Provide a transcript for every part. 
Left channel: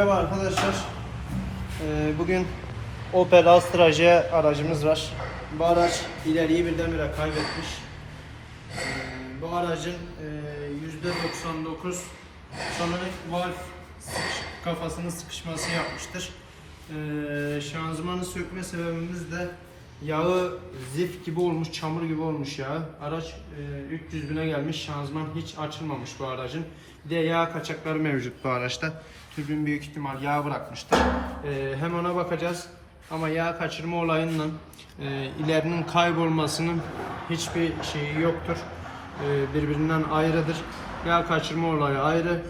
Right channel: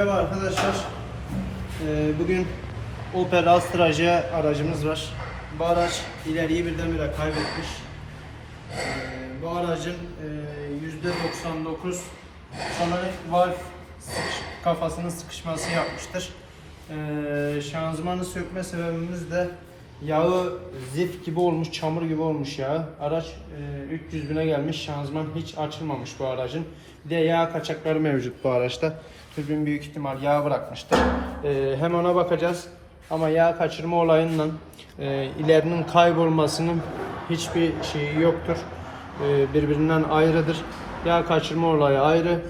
Merhaba arkadaşlar. Ee, bugün Opel Astra J aracımız var. Bu araç ileriyi birdenbire kaybetmiş. Ee, bu aracın e, %99 sanırım valve sıkış- kafasının sıkışması yapmıştır. Ee, şanzımanı sökme sebebimiz de yağı zift gibi olmuş, çamur gibi olmuş yağı. Araç e, 300 bine gelmiş, şanzıman hiç açılmamış bu aracın. Bir de yağ kaçakları mevcut bu araçta. Bugün büyük ihtimal yağ bırakmıştır. Ee, hem ona bakacağız ama yağ kaçırma olayından e, ilerinin kaybolmasının hiçbir şeyi yoktur. Ee, birbirinden ayrıdır. Yağ kaçırma olayı ayrı,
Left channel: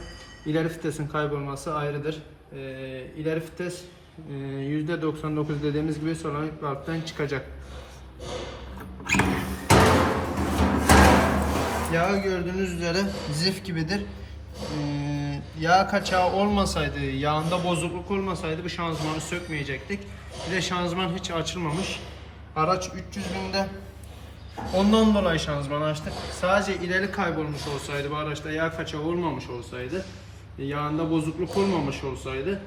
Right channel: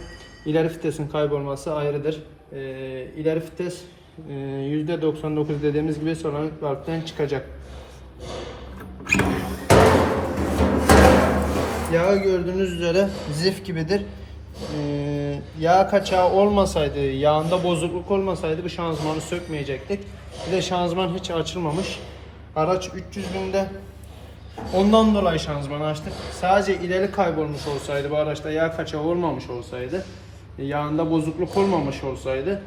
ileri vitesin kaybolması ayrıdır. Ee, ileri vites e, %99 dediğimiz gibi solanik valveden çıkacak. Yağı gördüğünüz üzere zif gibidir. Ee, yağ kaçağı olmasaydı, yağında bozukluk olmasaydı bu şanzımanı sökmeyecektik. Bir de şanzıman hiç açılmamış. Araç 300 binde. Ondan dolayı şanzımanı açtık. Sadece ileri kaybolmuş olsaydı, bu araçta yağ kaçağı olmamış olsaydı, yağında bozukluk olmamış olsaydı,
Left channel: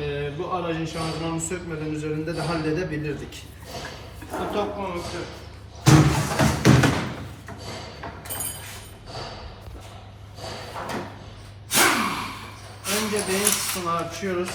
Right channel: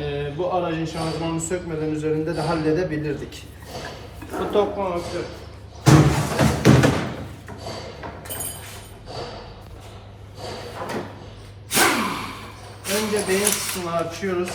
e, bu aracın şanzımanını sökmeden üzerinde de halledebilirdik. Bu tokma Önce beyin kısmını açıyoruz.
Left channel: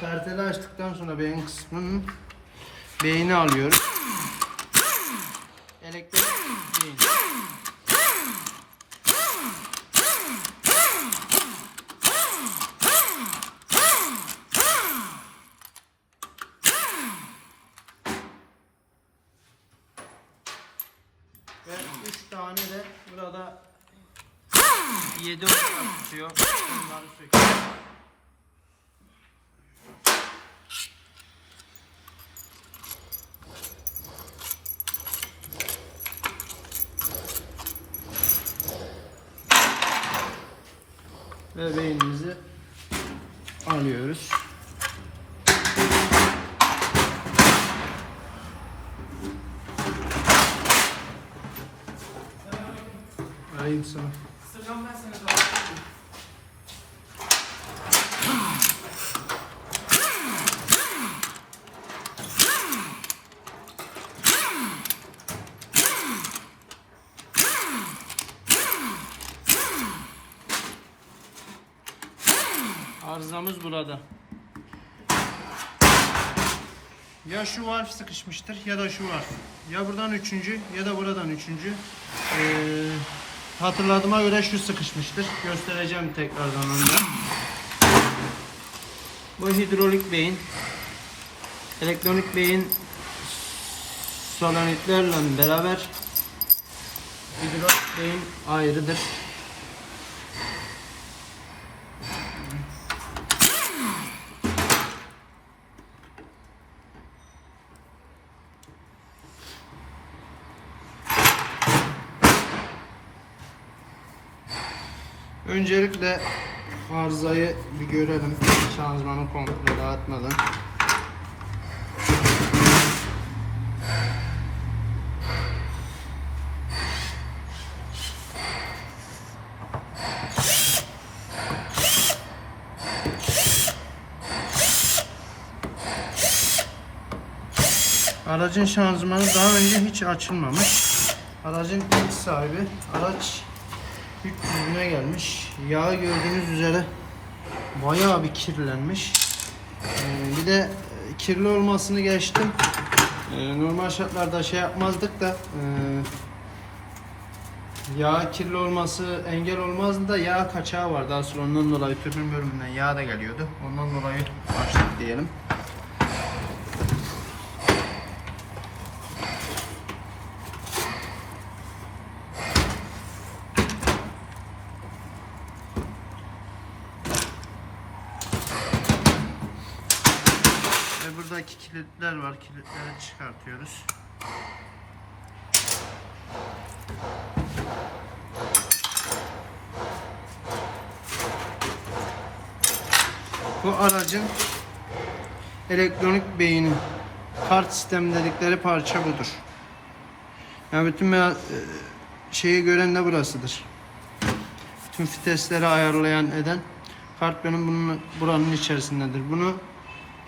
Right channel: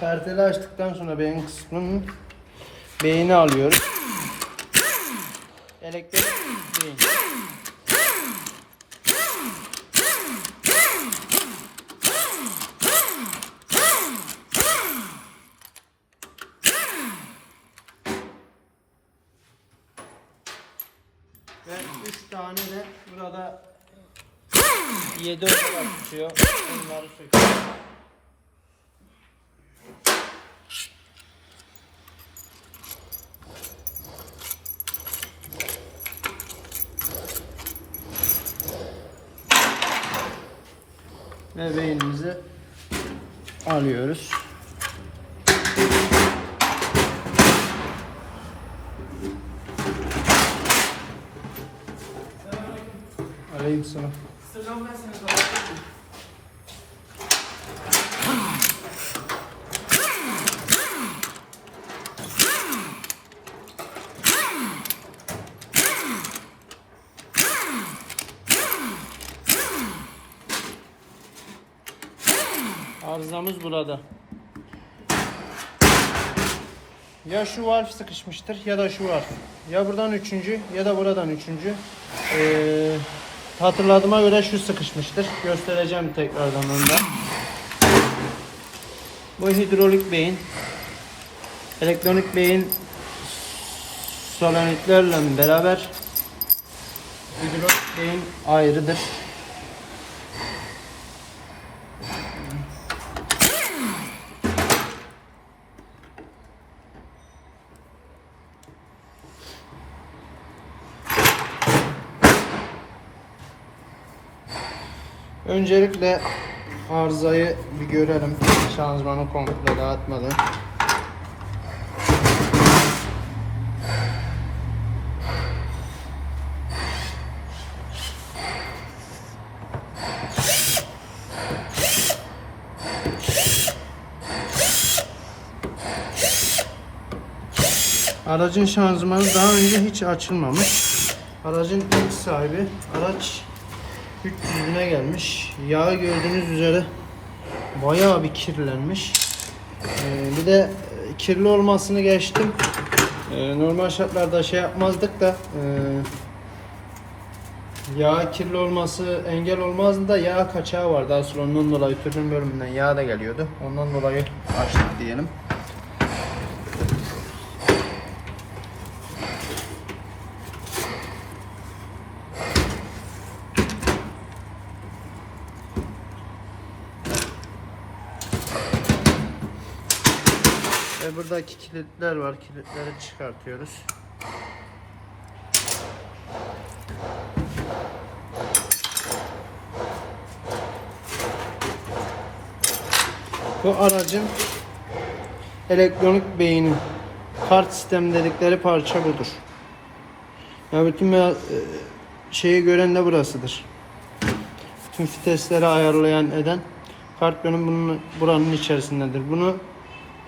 Perteli açtıktan sonra beyin kısmının beyni alıyoruz. Elektrik beyin. Ve 3 tane de burada 7 olarak tutuyor. Bunları söküyoruz. Ve beynimizi alıyoruz. Alayım sana. Arızamız burada. Ya şu valf sıkışmıştır ya da şu valf. Ya buradan üçüncü ya da buradan üçüncü. Ee, hatırladığıma göre şu sıkışmıştır. Göstereceğim tekrardan onu da. Bu hidrolik beyin. Elektronik beyin solanitlerle beraber hidrolik beyin ayrıdır. Öncelikle arızayı bir görelim. Şanzımanı komple dağıtmadan. Aracın şanzımanı daha önce hiç açılmamış. Aracın ilk sahibi araç 300 bine gelmiş. Yağı gördüğünüz üzere bayağı bir kirlenmiş. Ee, bir de e, kirli olmasını geçtim. Ee, normal şartlarda şey yapmazdık da e, yağ kirli olması engel olmazdı da yağ kaçağı vardı. Asıl ondan dolayı tütün bölümünden yağ da geliyordu. Ondan dolayı açtık diyelim. Şimdi buradaki kilitler var. Kilitleri çıkartıyoruz. Bu aracın elektronik beyni kart sistemi dedikleri parça budur. Yani bütün e, şeyi gören de burasıdır. Tüm vitesleri ayarlayan eden kart benim bunun buranın içerisindedir. Bunu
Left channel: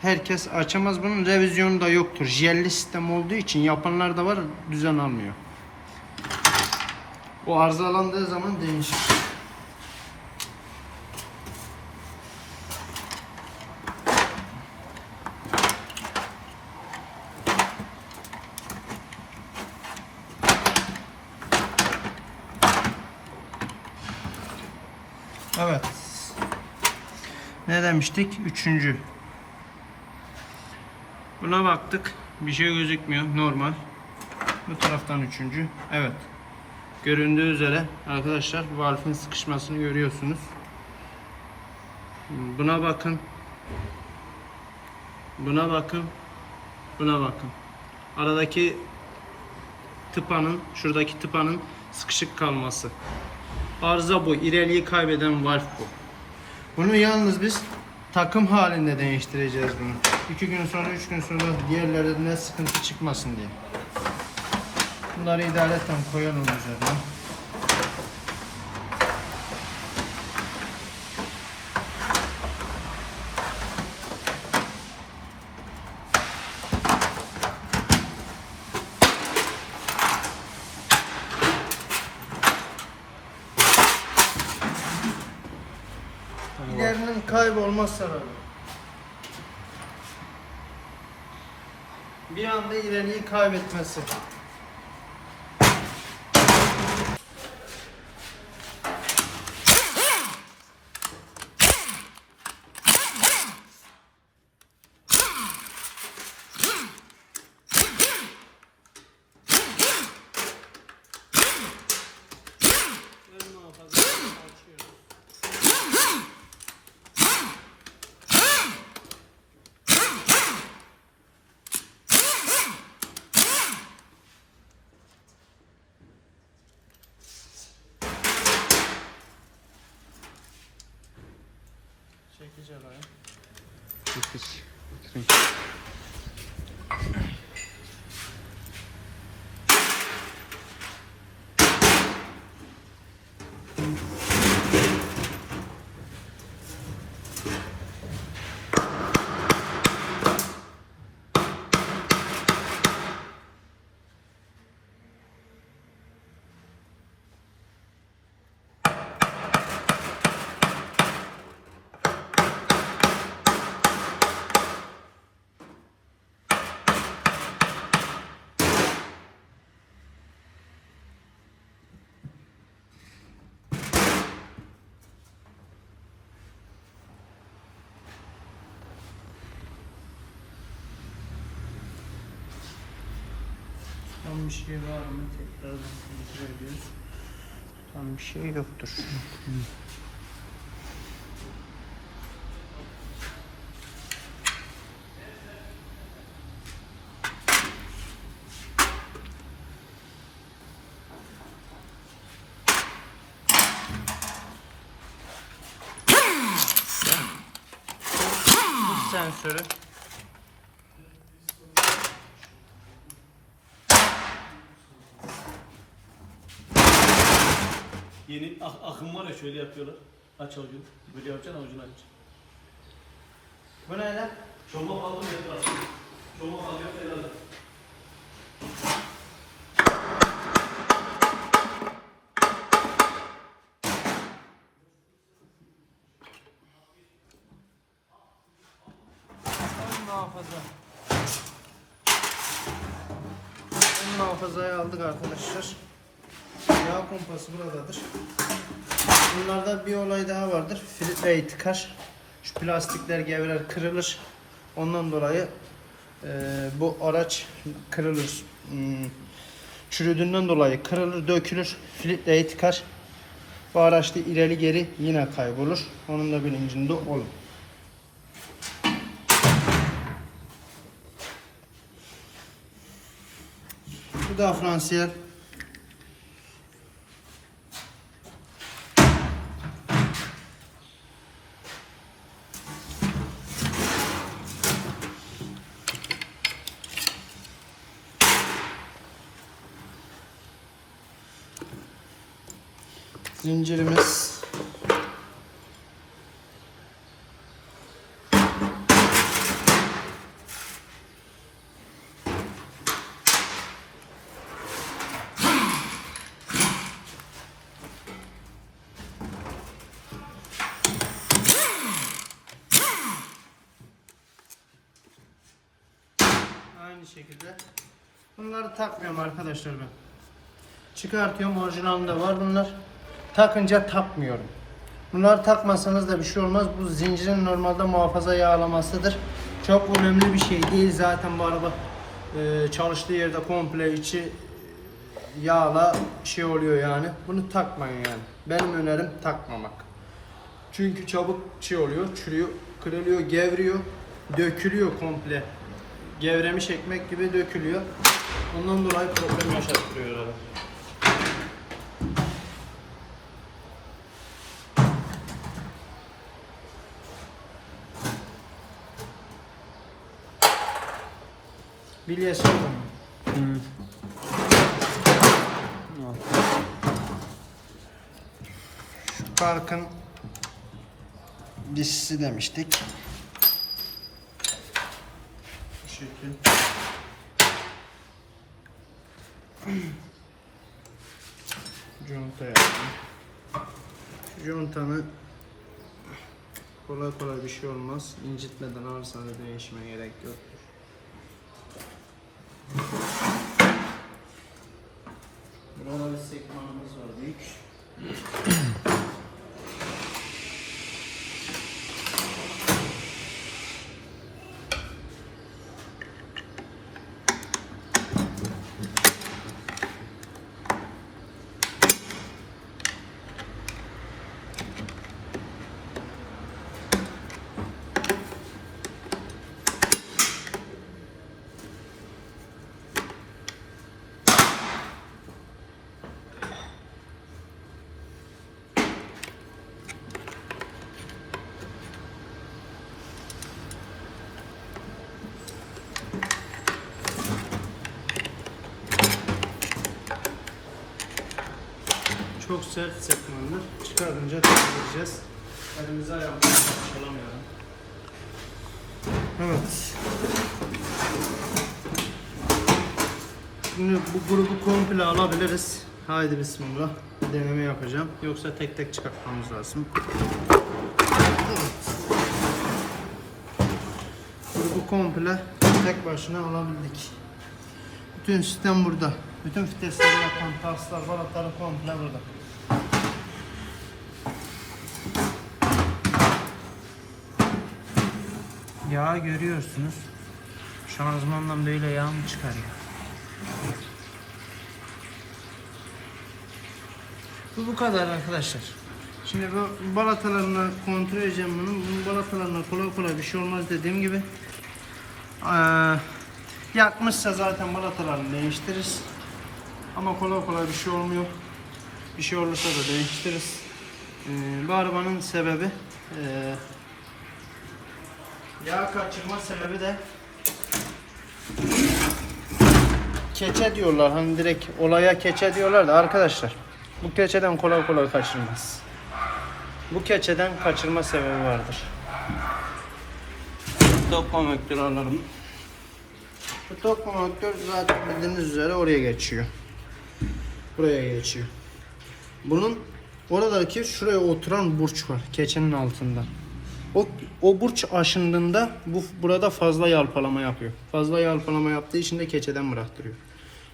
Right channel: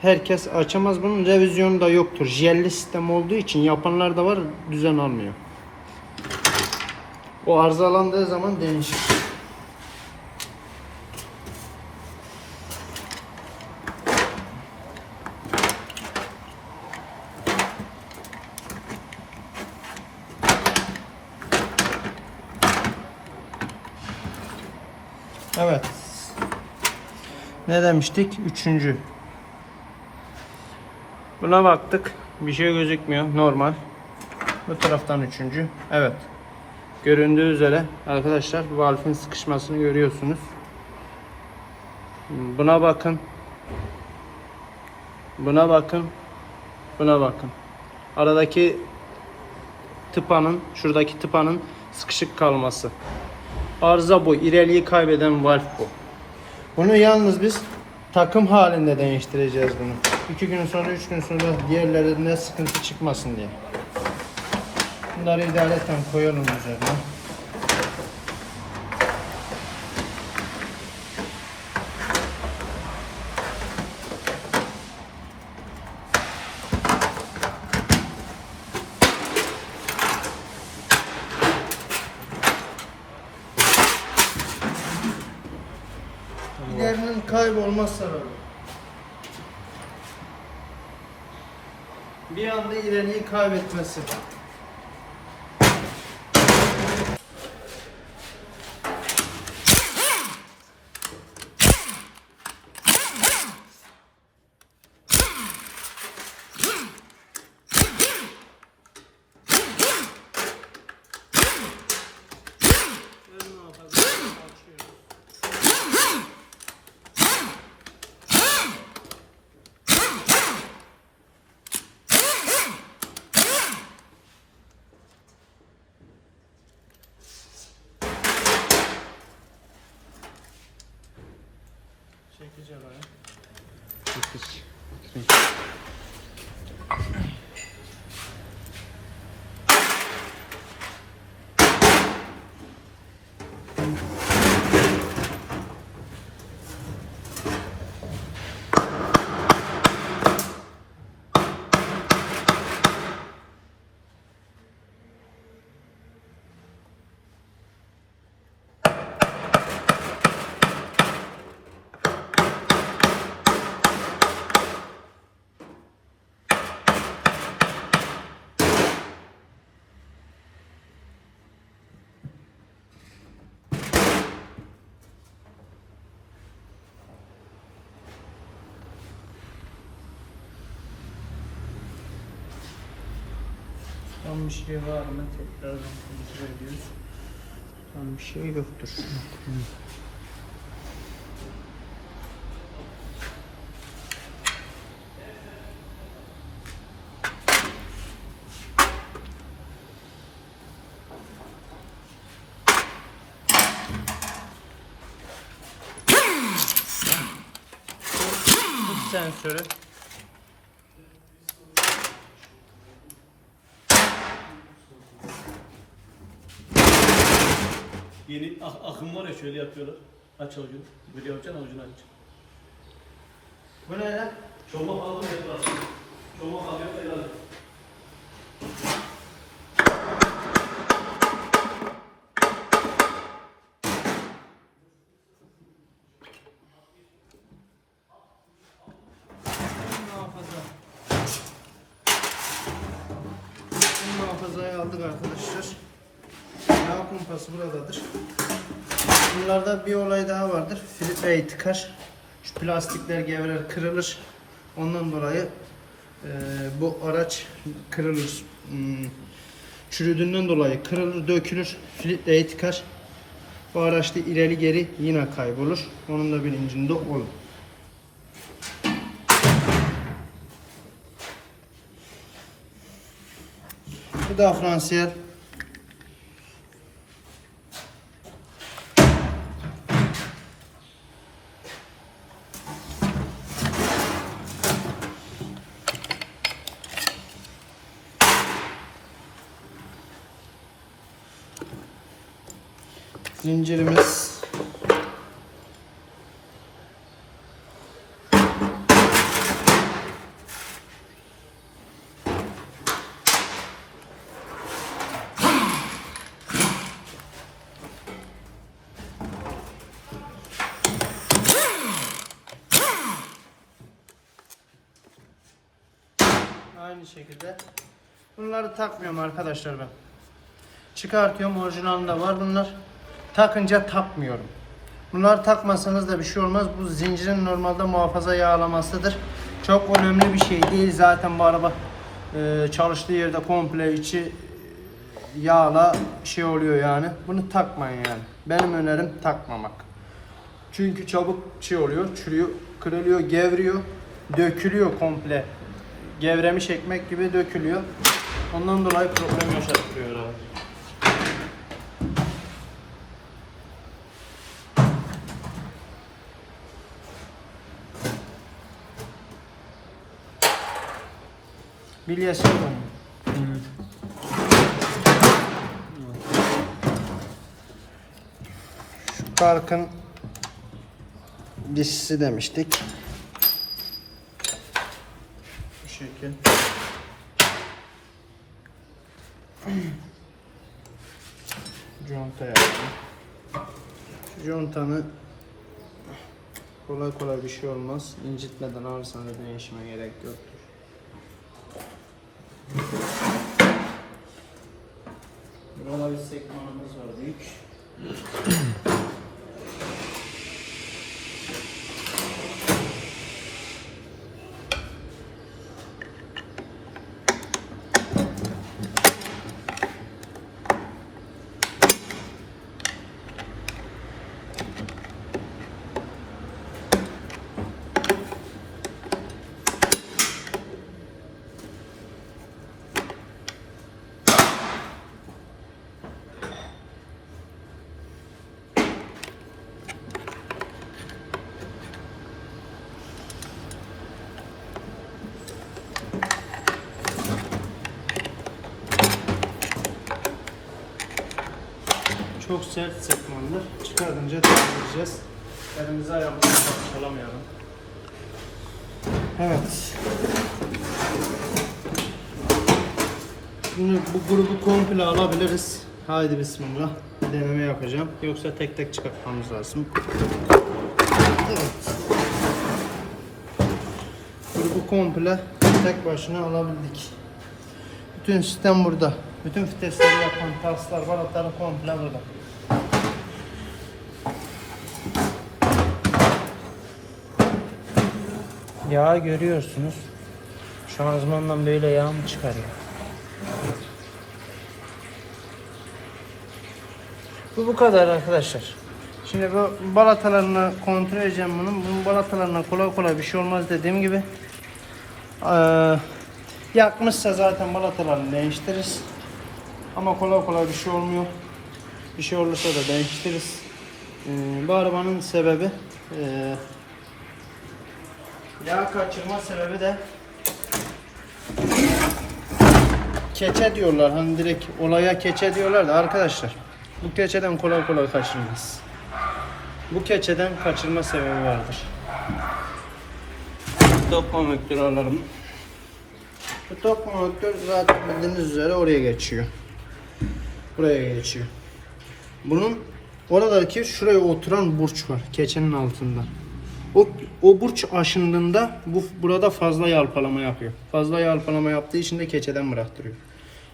herkes açamaz. Bunun revizyonu da yoktur. Jelli sistem olduğu için yapanlar da var düzen almıyor. O arızalandığı zaman değişir. Evet. Ne demiştik? Üçüncü. Buna baktık. Bir şey gözükmüyor. Normal. Bu taraftan üçüncü. Evet. Göründüğü üzere arkadaşlar valfin sıkışmasını görüyorsunuz. Buna bakın. Buna bakın. Buna bakın. Aradaki tıpanın, şuradaki tıpanın sıkışık kalması. Arıza bu. İreliği kaybeden valf bu. Bunu yalnız biz takım halinde değiştireceğiz bunu. İki gün sonra, üç gün sonra diğerlerine sıkıntı çıkmasın diye. Bunları idareten koyalım üzerine. Diğerinin kaybolma sebebi. İleriyi kaybetmesi. Bakın. Tam bir şey var mı? Tekrardan kontrol ediyoruz. Tam bir şey yoktur. Sensörü Yeni ak- akım var ya şöyle yapıyorlar. Aç avucunu. Böyle yapacaksın avucunu aç. Bu ne lan? Çomak aldım. Çomak helal. muhafaza. Bunlarda bir olay daha vardır. Filtreyi tıkar. Şu plastikler gevrer, kırılır. Ondan dolayı e, bu araç kırılır. Hmm, çürüdüğünden dolayı kırılır, dökülür. Filtreyi tıkar. Bu araçta ileri geri yine kaybolur. Onun da bilincinde olun. Bu da Fransiyel Zincirimiz. Aynı şekilde. Bunları takmıyorum arkadaşlar ben. Çıkartıyorum orijinalinde var bunlar. Takınca takmıyorum. Bunları takmasanız da bir şey olmaz. Bu zincirin normalde muhafaza yağlamasıdır. Çok önemli bir şey değil zaten bu araba e, çalıştığı yerde komple içi yağla şey oluyor yani. Bunu takmayın yani. Benim önerim takmamak. Çünkü çabuk şey oluyor, çürüyor, kırılıyor, gevriyor, dökülüyor komple. Gevremiş ekmek gibi dökülüyor. Ondan dolayı problem yaşatıyorlar. Yok onun. Şu Parkın dişisi demiştik. Bu şekil. Yaptım. Contanı kolay kolay bir şey olmaz. İncitmeden alırsanız değişime gerek yok. Bir sekmanımız var büyük. Çok sert sekmandır. Çıkarınca temizleyeceğiz. Elimizi ayağımızı parçalamayalım. Evet. Şimdi bu grubu komple alabiliriz. Haydi bismillah. Deneme yapacağım. Yoksa tek tek çıkartmamız lazım. Evet. Grubu komple tek başına alabildik. Bütün sistem burada. Bütün vitesleri yapan paslar, balatları komple burada. Yağ görüyorsunuz. Şanzımandan böyle yağ mı çıkarıyor? Bu bu kadar arkadaşlar. Şimdi bu balatalarını kontrol edeceğim bunun. Bunun balatalarına kolay kolay bir şey olmaz dediğim gibi. Ee, yakmışsa zaten balatalarını değiştiririz. Ama kolay kolay bir şey olmuyor. Bir şey olursa da değiştiririz. Ee, bu arabanın sebebi e, yağ kaçırma sebebi de keçe diyorlar. Hani direkt olaya keçe diyorlar da arkadaşlar bu keçeden kolay kolay kaçırmaz. Bu keçeden kaçırma sebebi vardır. Top konvektörü alalım. Bu top konvektör zaten bildiğiniz üzere oraya geçiyor. Buraya geçiyor. Bunun oradaki şuraya oturan burç var keçenin altında. O, o burç aşındığında bu burada fazla yalpalama yapıyor. Fazla yalpalama yaptığı için de keçeden bıraktırıyor.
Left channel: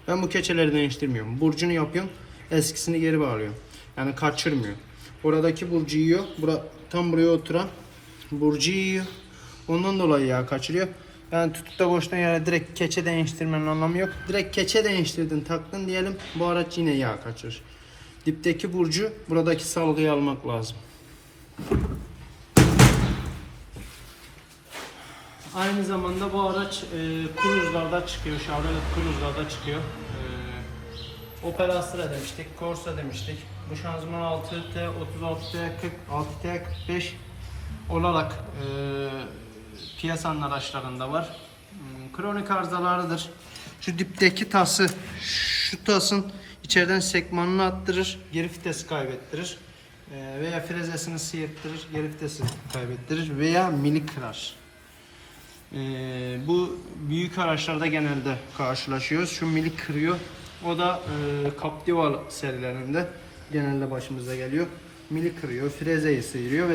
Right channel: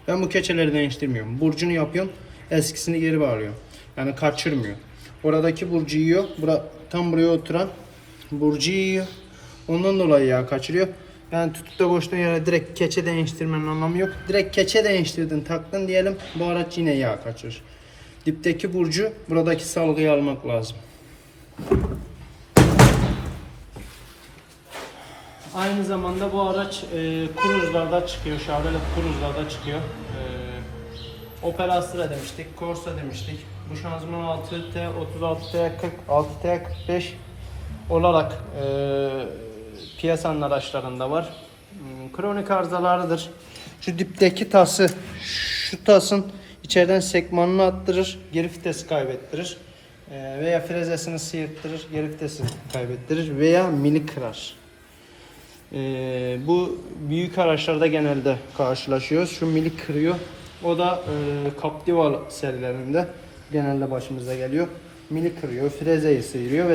Ben bu keçeleri değiştirmiyorum. Burcunu yapıyorum. Eskisini geri bağlıyorum. Yani kaçırmıyor. Oradaki burcu yiyor. Bura, tam buraya oturan burcu yiyor. Ondan dolayı yağ kaçırıyor. Yani tutup da koştuğun yere direkt keçe değiştirmenin anlamı yok. Direkt keçe değiştirdin taktın diyelim bu araç yine yağ kaçırır. Dipteki burcu buradaki salgıyı almak lazım. Aynı zamanda bu araç e, kruzlarda çıkıyor. Chevrolet kruzlarda çıkıyor. E, Opel Astra demiştik, Corsa demiştik. Bu şanzıman 6T, 36T, 40, 6T, 45 olarak e, piyasanın araçlarında var. Hmm, Kronik arızalarıdır. Şu dipteki tası, şu tasın içeriden sekmanını attırır, geri vitesi kaybettirir. E, veya frezesini sıyırttırır, geri vitesi kaybettirir veya mini kırar. Ee, bu büyük araçlarda genelde karşılaşıyoruz. Şu milik kırıyor. O da e, Captiva serilerinde genelde başımıza geliyor. Milik kırıyor, frezeyi sıyırıyor ve